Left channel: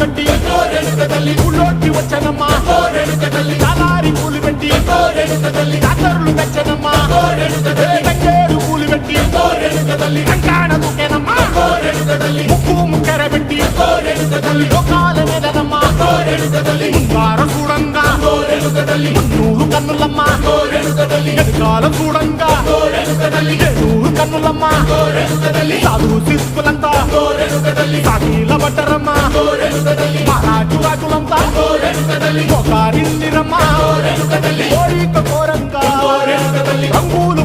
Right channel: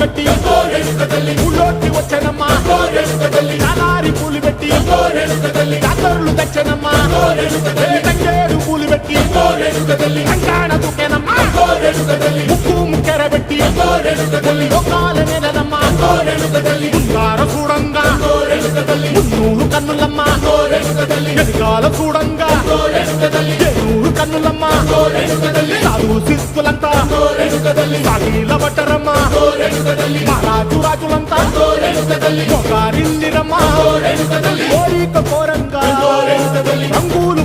కట్టి ఊళ్ళోకి వచ్చనమ్మా చాలారి పూలు పెట్టి జాతరులు తెచ్చనమ్మా తంగేడు పూలు పెట్టి కంకాణ దూకేనమ్మా ముక్కు ముక్కెర పెట్టి ముల్లోకాల నెలనమ్మా ముందార చూడంగా మున్నూరు కన్నులమ్మా ఎనకాల చూడంగా ఏనూరు కన్నులమ్మా సాధు శిస్తులంతా సాగిల బట్టరమ్మా మహారాజు రాజులంతా మొగారిల్లిరమ్మా కోరిక కోరంగా రంగులు